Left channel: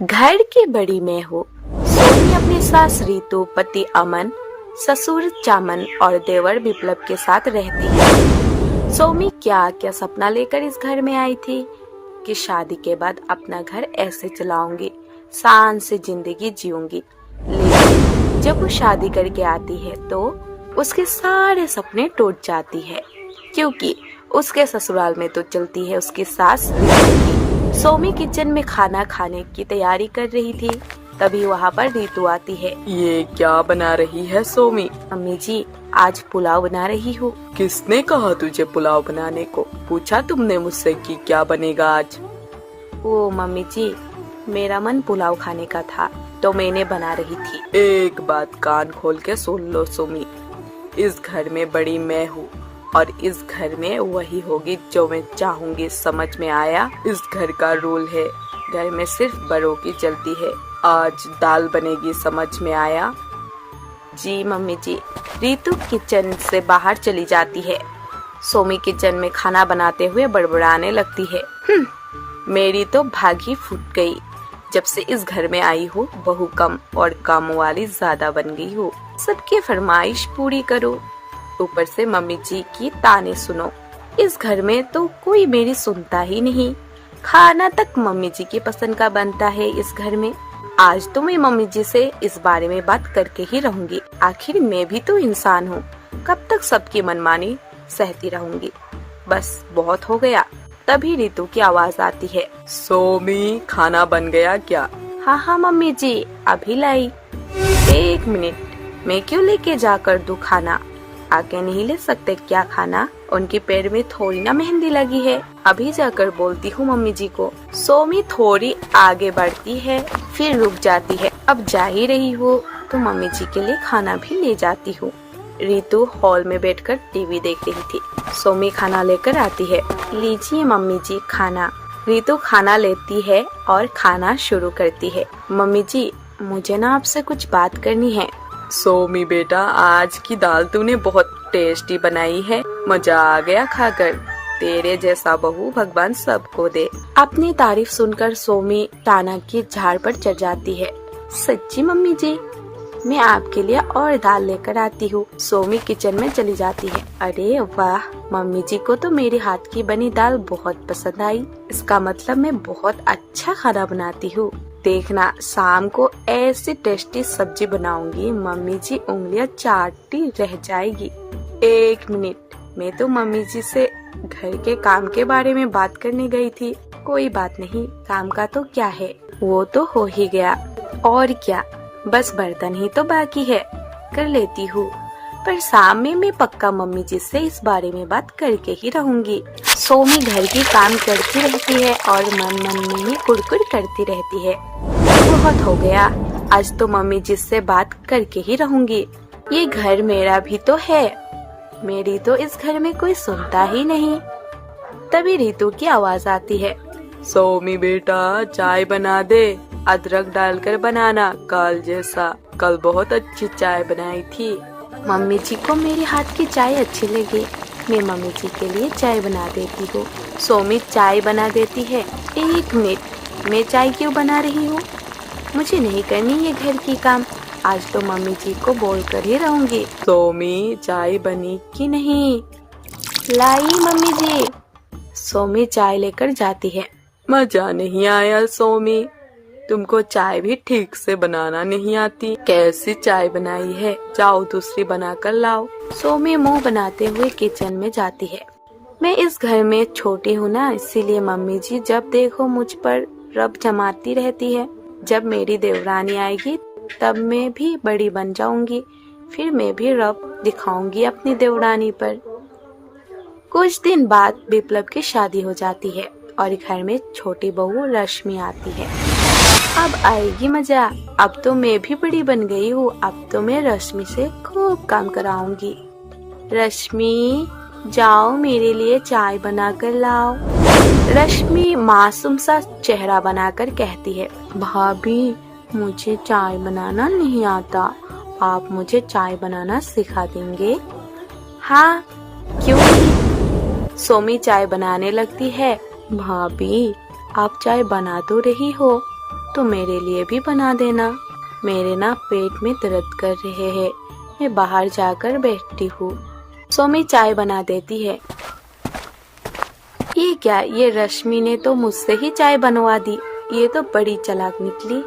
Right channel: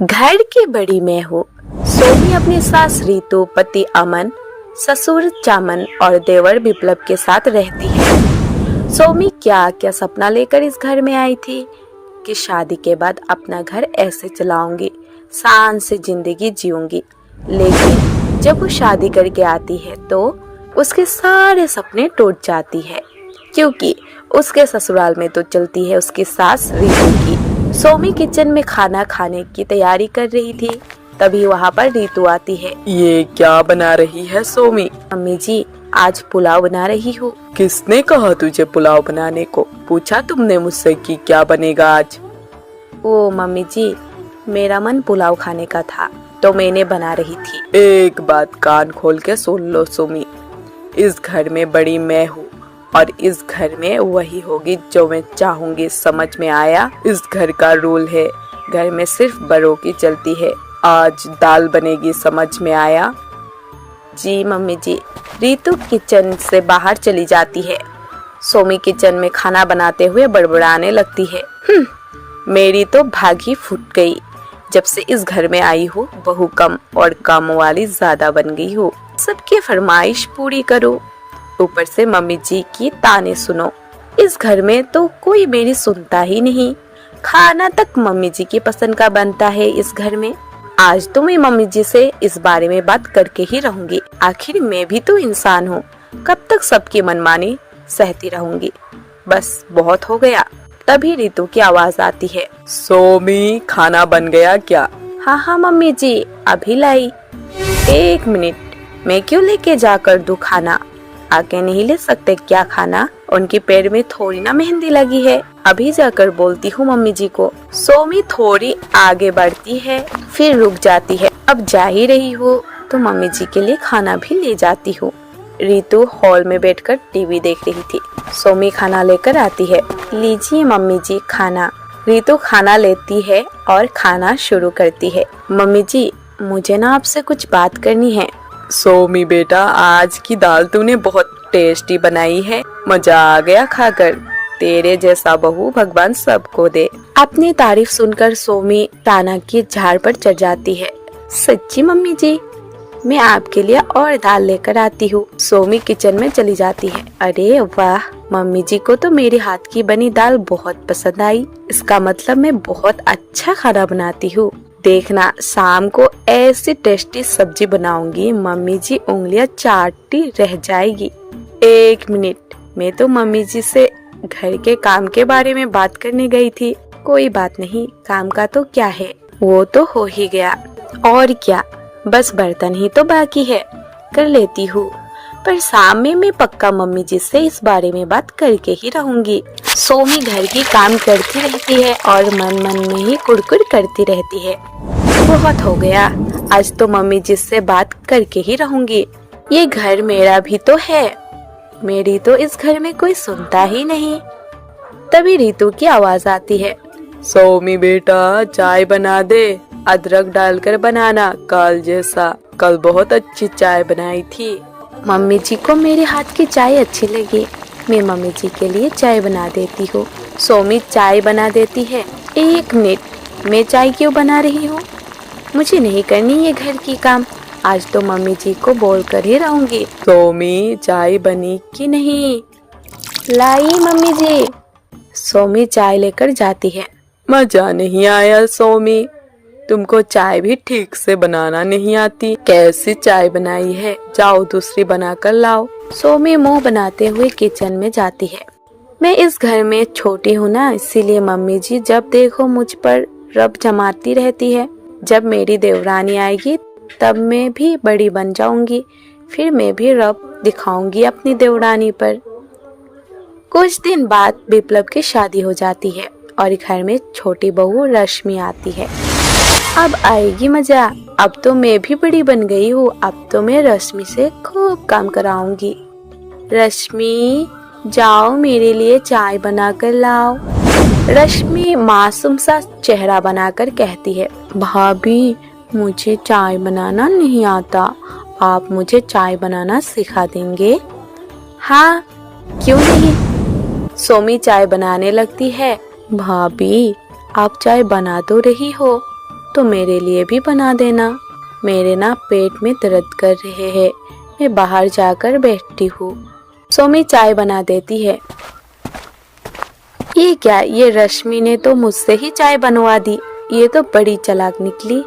घर की बड़ी मैं हूँ। सोमी अपने सास रीतू, पति अमन, ससुर चामन और देवर विप्लव के साथ रहती है। सोमी क्या क्या सपना लेकर इस घर में आई थी कि शादी के बाद अपना घर ऐसे चलाऊंगी, शान से जिंदगी जीऊंगी। लेकिन जब वो शादी करके आती है तो उसके सारे सपने टूट जाती है, क्योंकि उसके ससुराल में तो चलती है उसकी सास रीतू की। सोमी किचन में खाना खाने की तैयारी कर रही थी, तभी वहाँ पर रीतू आती है। ये क्या बना रही है सोमी? मम्मी जी, आज पुलाव बना रही हूँ। किसने कहा तुझे पुलाव बनाने को? पूछा तुमने मुझसे कि क्या बनेगा आज? ओ मम्मी जी, मेरा मन पुलाव खाने का था तो मैंने बना रही थी। एक बात कान खोल के सुन लो सोमी, इस घर में बड़ी मैं हूँ और इस घर में वही होगी जो मैं चाहूंगी। समझ में आया? इस घर का रूल है, घर में सिर्फ बड़ों की चलती है। आज दाल बनेगी, समझ में आया? जी मम्मी जी। रीतू किचन से बाहर चली जाती है। सोमी किचन में खाना बनाते हुए बड़बड़ाने लगती है। मेरी तो भाग ही फूट गई। जब से इस घर में आई हूँ, बहू कम और काम वाली ज्यादा बन गई हूँ। सबकी फरमाइश पूरी करो, ऊपर से मम्मी जी की ताने सुनो। इस घर में तो कोई मेरी सुनता ही नहीं। खाना तक मम्मी जी की पसंद का बनता है इस घर में। आज तो मैं मम्मी जी से इस बारे में बात करके ही रहूंगी। आखिर मैं भी तो इंसान हूँ, कब तक सबकी मनमानी सहती रहूंगी। बस बहुत हो गया। तभी रीतू की आवाज आती है। सोमी, खाना बन गया क्या? हाँ हाँ मम्मी जी, अभी लाई। एक मिनट, मैं क्यों लेके जाकर दूं खाना? आके नहीं ले सकते क्या खाना? उनके पैर में थोड़ी ना मेहंदी लगी है। अभी जाकर बोलती हूँ मम्मी जी को। सोमी थोड़ी आगे बढ़ती है, फिर रुक जाती है। अब जा ही रही हो तो मम्मी जी के लिए खाना भी ले जाती हूँ। रीतू हॉल में बैठकर टीवी देख रही थी। सोमी खाना लेकर आती है। लीजिए मम्मी जी खाना। रीतू खाना लेती है और खाना शुरू करती है। मम्मी जी, मुझे ना आपसे कुछ बात करनी है। सोमी बेटा, आज की दाल तूने बहुत टेस्टी बनाई है, मजा आ गया खाकर। तेरे जैसा बहू भगवान सबको दे। अपनी तारीफ सुनकर सोमी ताना की झाड़ पर चढ़ जाती है। सच्ची मम्मी जी, मैं आपके लिए और दाल लेकर आती हूँ। सोमी किचन में चली जाती है। अरे वाह, मम्मी जी को तो मेरे हाथ की बनी दाल बहुत पसंद आई। इसका मतलब मैं बहुत अच्छा खाना बनाती हूँ। देखना, शाम को ऐसी टेस्टी सब्जी बनाऊंगी, मम्मी जी उंगलियां चाटती रह जाएगी। एक मिनट, मैं तो मम्मी जी से घर के काम के बारे में बात करने गई थी। कोई बात नहीं, काम का तो क्या है, वो तो हो ही गया। और क्या, बस बर्तन ही तो बाकी है, कर लेती हूँ। पर शाम में मैं पक्का मम्मी जी से इस बारे में बात करके ही रहूंगी। सोमी घर की काम करती रहती है और मन मन में ही कुड़कुड़ करती रहती है। बहुत हो गया, आज तो मम्मी जी से बात करके ही रहूंगी। ये घर मेरा भी तो है, मेरी तो इस घर में कोई सुनता ही नहीं। तभी रीतू की आवाज आती है। सोमी बेटा, चाय बना दे, अदरक डालकर बनाना कल जैसा। कल बहुत अच्छी चाय बनाई थी। मम्मी जी को मेरे हाथ की चाय अच्छी लगी, मैं मम्मी जी के लिए चाय बना देती हूँ। सोमी चाय बना देती है। एक मिनट, मैं चाय क्यों बना रही हूँ? मुझे नहीं करनी ये घर की काम। आज तो मम्मी जी को बोल कर ही रहूंगी। सोमी, चाय बनी कि नहीं? लाई मम्मी जी। सोमी चाय लेकर जाती है। मजा नहीं आया सोमी, तुमको चाय भी ठीक से बनाना नहीं आती। कैसी चाय बनाई है, जाओ दूसरी बनाकर लाओ। सोमी मुंह बनाते हुए किचन में जाती है। मैं इस घर में छोटी हूँ ना, इसीलिए मम्मी जी जब देखो मुझ पर रब जमाती रहती है। जब मेरी देवरानी आएगी तब मैं भी बड़ी बन जाऊंगी, फिर मैं भी रब दिखाऊंगी अपनी देवरानी पर। कुछ दिन बाद विप्लव की शादी हो जाती है और घर में छोटी बहू रश्मि आती है। अब आएगी मजा। अब तो मैं भी बड़ी बन गई हूँ, अब तो मैं रश्मि से खूब काम कराऊंगी। रश्मि, जाओ मेरे लिए चाय बना कर लाओ। रश्मि मासूम सा चेहरा बनाकर कहती है। भाभी, मुझे चाय बनाना नहीं आता, आप मुझे चाय बनाना सिखा देंगे? हाँ, क्यों नहीं। सोमी चाय बनाने लगती है। भाभी, आप चाय बना तो रही हो, तो मेरे लिए भी बना देना। मेरे ना पेट में दर्द कर रहे हैं, मैं बाहर जाकर बैठती हूँ। सोमी चाय बना देती है। ये क्या, ये रश्मि ने तो मुझसे ही चाय बनवा दी। ये तो बड़ी चालाक निकली।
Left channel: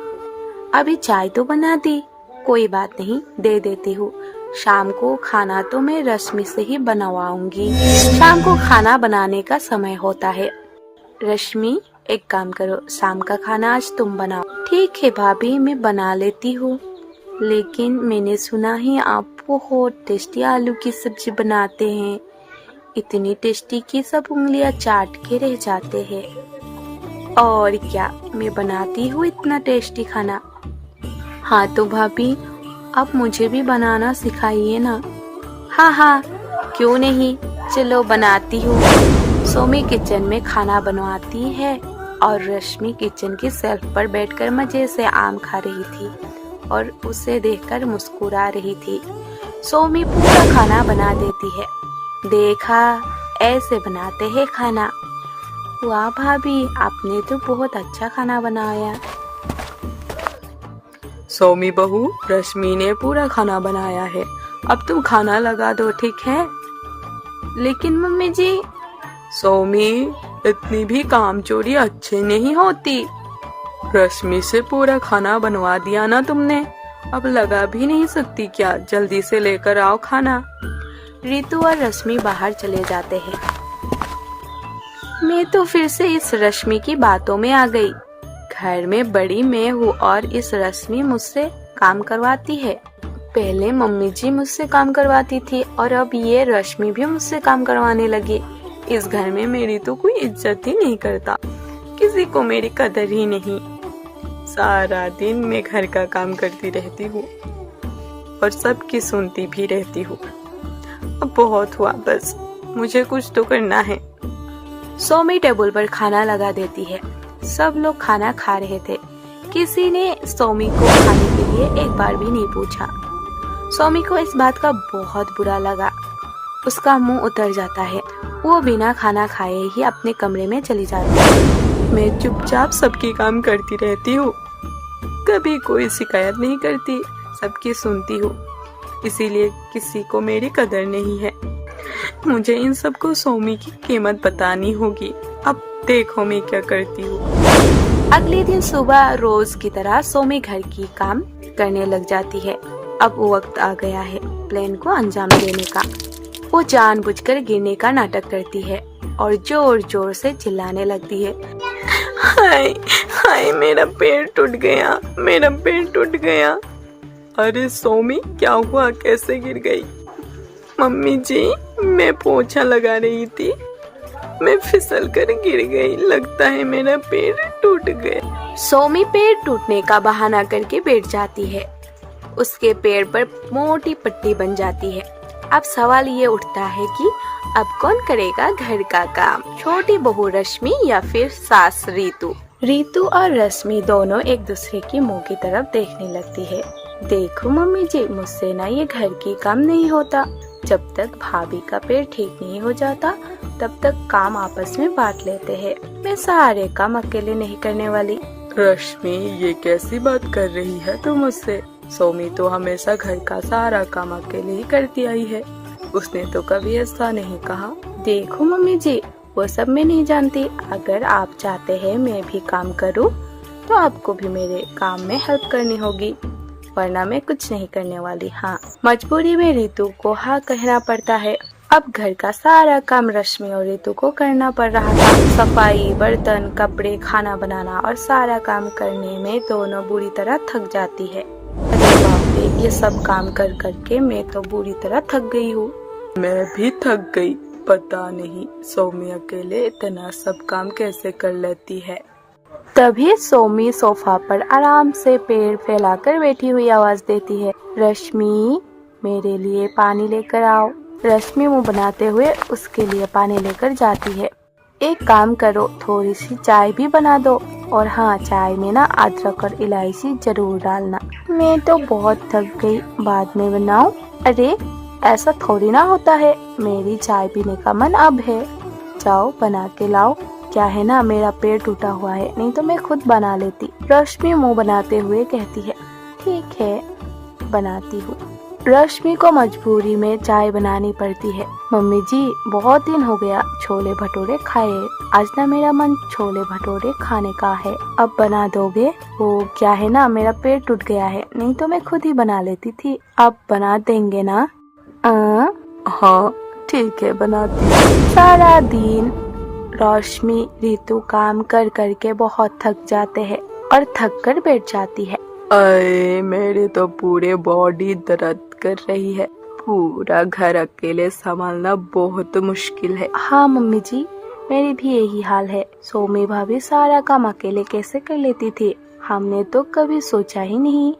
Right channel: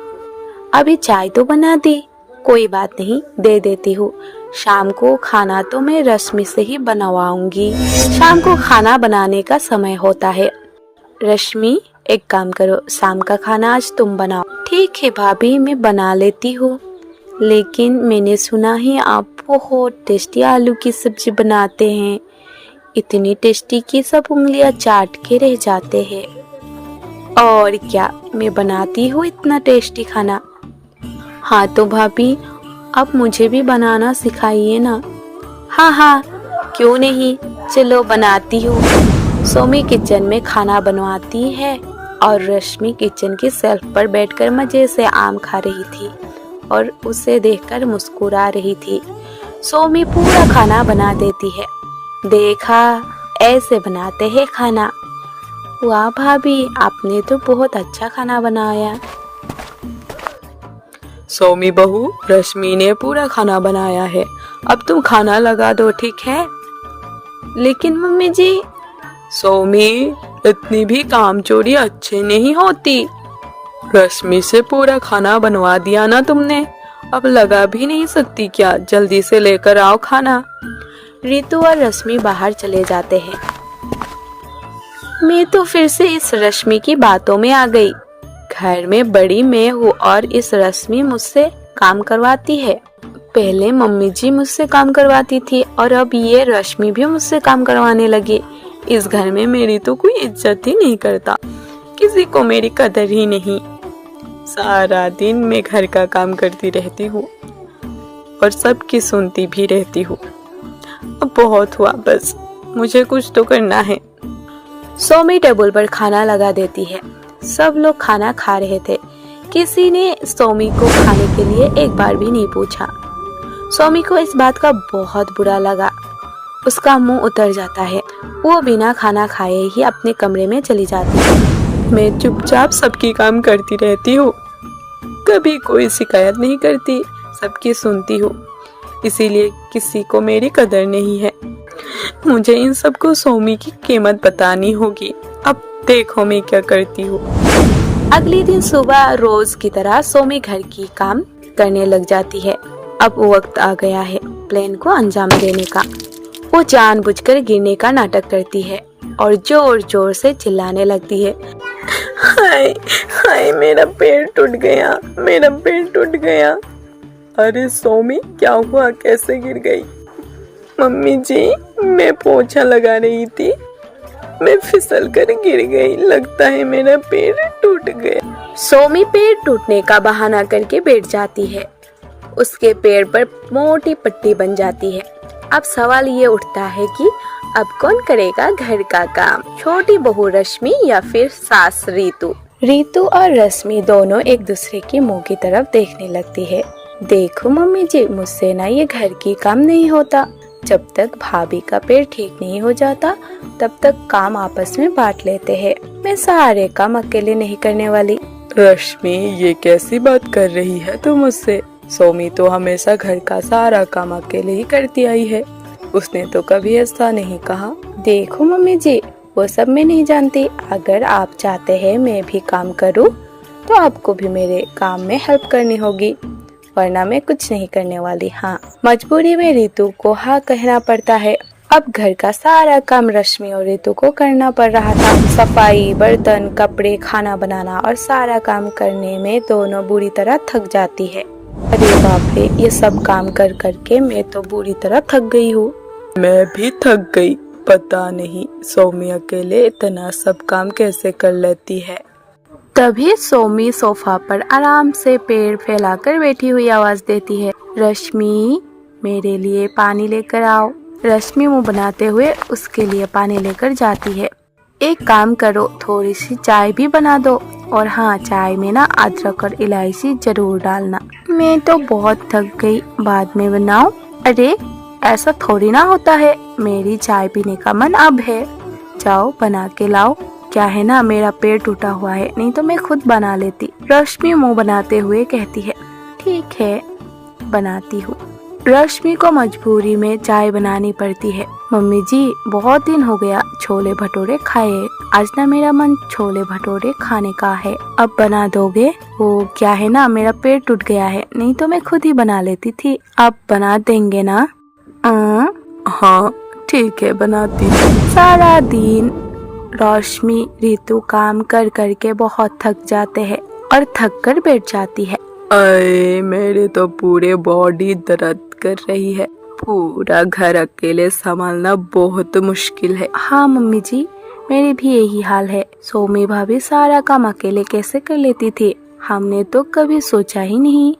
अभी चाय तो बना दी, कोई बात नहीं, दे देती हूँ। शाम को खाना तो मैं रश्मि से ही बनवाऊंगी। शाम को खाना बनाने का समय होता है। रश्मि, एक काम करो, शाम का खाना आज तुम बनाओ। ठीक है भाभी, मैं बना लेती हूँ। लेकिन मैंने सुना है आप बहुत टेस्टी आलू की सब्जी बनाते हैं। इतनी टेस्टी कि सब उंगलियां चाट के रह जाते हैं। और क्या, मैं बनाती हूँ इतना टेस्टी खाना। हाँ तो भाभी, आप मुझे भी बनाना सिखाइए ना। हाँ हाँ, क्यों नहीं, चलो बनाती हूँ। सोमी किचन में खाना बनवाती है और रश्मि किचन की शेल्फ पर बैठकर मजे से आम खा रही थी और उसे देखकर मुस्कुरा रही थी। सोमी पूरा खाना बना देती है। देखा, ऐसे बनाते हैं खाना। वाह भाभी, आपने तो बहुत अच्छा खाना बनाया। सोमी बहू, रश्मि ने पूरा खाना बनाया है, अब तुम खाना लगा दो, ठीक है? लेकिन मम्मी जी। सोमी, इतनी भी कामचोरी अच्छी नहीं होती। रश्मि से पूरा खाना बनवा दिया ना तुमने, अब लगा भी नहीं सकती क्या? जल्दी से लेकर आओ खाना। रितु और रश्मि बाहर चले जाते हैं। मैं तो फिर से इस रश्मि की बातों में आ गई। घर में बड़ी मैं हूँ और इस रश्मि मुझसे काम करवाती है। पहले मम्मी जी मुझसे काम करवाती थी और अब ये रश्मि भी मुझसे काम करवाने लगी। इस घर में मेरी तो कोई इज्जत ही नहीं करता, किसी को मेरी कदर ही नहीं। सारा दिन मैं घर का काम करती रहती हूँ और सबकी सुनती भी रहती हूँ। अब बहुत हुआ, बस मुझे कुछ तो करना है। सोमी टेबल पर खाना लगा देती है। सब लोग खाना खा रहे थे। किसी ने सोमी को खाने के लिए एक बार भी नहीं पूछा। सोमी को इस बात का बहुत बुरा लगा। उसका मुंह उतर जाता है। वो बिना खाना खाए ही अपने कमरे में चली जाती है। मैं चुपचाप सबकी काम करती रहती हूँ, कभी कोई शिकायत नहीं करती, सबकी सुनती हूँ, इसीलिए किसी को मेरी कदर नहीं है। मुझे इन सबको सोमी की कीमत बतानी होगी। अब देखो मैं क्या करती हूँ। अगले दिन सुबह रोज की तरह सोमी घर की काम करने लग जाती है। अब वक्त आ गया है प्लान को अंजाम देने का। वो जानबूझकर गिरने का नाटक करती है और जोर जोर से चिल्लाने लगती है। हाय हाय, मेरा पैर टूट गया, मेरा पैर टूट गया। अरे सोमी, क्या हुआ, कैसे गिर गई? मम्मी जी, मैं पोछा लगा रही थी, मैं फिसल कर गिर गई, लगता है मेरा पैर टूट गया। सोमी पैर टूटने का बहाना करके बैठ जाती है। उसके पैर पर मोटी पट्टी बन जाती है। अब सवाल ये उठता है कि अब कौन करेगा घर का काम, छोटी बहू रश्मि या फिर सास रितु। रितु और रश्मि दोनों एक दूसरे की मुंह की तरफ देखने लगती है। देखो मम्मी जी, मुझसे ना ये घर की काम नहीं होता। जब तक भाभी का पैर ठीक नहीं हो जाता तब तक काम आपस में बांट लेते हैं। मैं सारे काम अकेले नहीं करने वाली। रश्मि, ये कैसी बात कर रही है तू मुझसे? सोमी तो हमेशा घर का सारा काम अकेले ही करती आई है, उसने तो कभी ऐसा नहीं कहा। देखो मम्मी जी, वो सब मैं नहीं जानती। अगर आप चाहते हैं मैं भी काम करूं, तो आपको भी मेरे काम में हेल्प करनी होगी, वरना मैं कुछ नहीं करने वाली। हाँ, मजबूरी में रितु को हाँ कहना पड़ता है। अब घर का सारा काम रश्मि और रितु को करना पड़ रहा था। सफाई, बर्तन, कपड़े, खाना बनाना और सारा काम करने में दोनों बुरी तरह थक जाती है। अरे बाप रे, ये सब काम कर करके मैं तो बुरी तरह थक गई हूँ। मैं भी थक गई, पता नहीं सोमी अकेले इतना सब काम कैसे कर लेती है। तभी सोमी सोफा पर आराम से पैर फैलाकर बैठी हुई आवाज देती है, रश्मि, मेरे लिए पानी लेकर आओ। रश्मि मुंह बनाते हुए उसके लिए पानी लेकर जाती है। एक काम करो, थोड़ी सी चाय भी बना दो, और हाँ, चाय में ना अदरक और इलायची जरूर डालना। मैं तो बहुत थक गई, बाद में बनाऊं? अरे ऐसा थोड़ी ना होता है, मेरी चाय पीने का मन अब है। जाओ बना के लाओ। क्या है ना, मेरा पैर टूटा हुआ है, नहीं तो मैं खुद बना लेती। रश्मि मुंह बनाते हुए कहती है, ठीक है बनाती हूँ। रश्मि को मजबूरी में चाय बनानी पड़ती है। मम्मी जी बहुत दिन हो गया छोले भटूरे खाए, आज ना मेरा मन छोले भटूरे खाने का है, अब बना दोगे? वो क्या है ना, मेरा पेट टूट गया है, नहीं तो मैं खुद ही बना लेती थी, आप बना देंगे ना? हाँ ठीक है बनाती हूँ। सारा दिन रश्मि ऋतु काम कर कर के बहुत थक जाते हैं और थक कर बैठ जाती है। अरे मेरे तो पूरे बॉडी दर्द कर रही है, पूरा घर अकेले संभालना बहुत मुश्किल है। हाँ मम्मी जी, मेरी भी यही हाल है। सोमी भाभी सारा काम अकेले कैसे कर लेती थी, हमने तो कभी सोचा ही नहीं।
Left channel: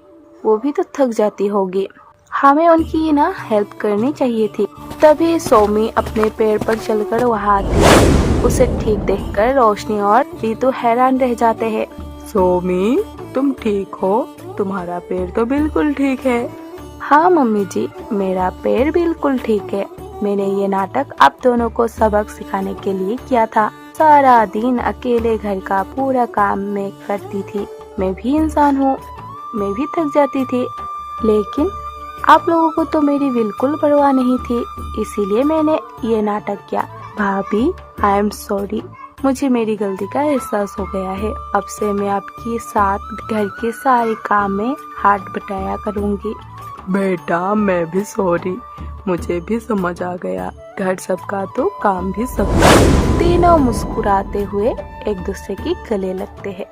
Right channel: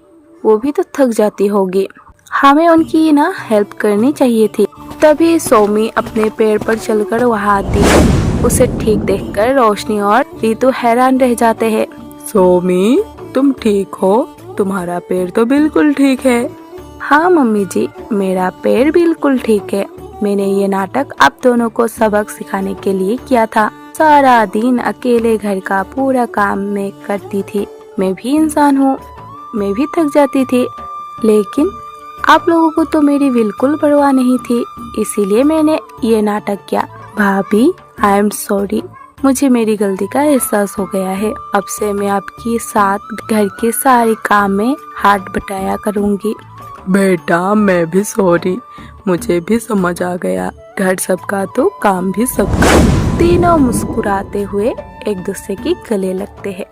वो भी तो थक जाती होगी, हमें उनकी ना हेल्प करनी चाहिए थी। तभी सोमी अपने पैर पर चलकर वहाँ आती है। उसे ठीक देखकर रोशनी और रीतू हैरान रह जाते हैं। सोमी तुम ठीक हो? तुम्हारा पैर तो बिल्कुल ठीक है। हाँ मम्मी जी, मेरा पैर बिल्कुल ठीक है। मैंने ये नाटक आप दोनों को सबक सिखाने के लिए किया था। सारा दिन अकेले घर का पूरा काम मैं करती थी। मैं भी इंसान हूँ, मैं भी थक जाती थी, लेकिन आप लोगों को तो मेरी बिल्कुल परवाह नहीं थी, इसीलिए मैंने ये नाटक किया। भाभी आई एम सॉरी, मुझे मेरी गलती का एहसास हो गया है। अब से मैं आपके साथ घर के सारे काम में हाथ बटाया करूँगी। बेटा मैं भी सॉरी, मुझे भी समझ आ गया, घर सबका तो काम भी सबका। तीनों मुस्कुराते हुए एक दूसरे की गले लगते हैं।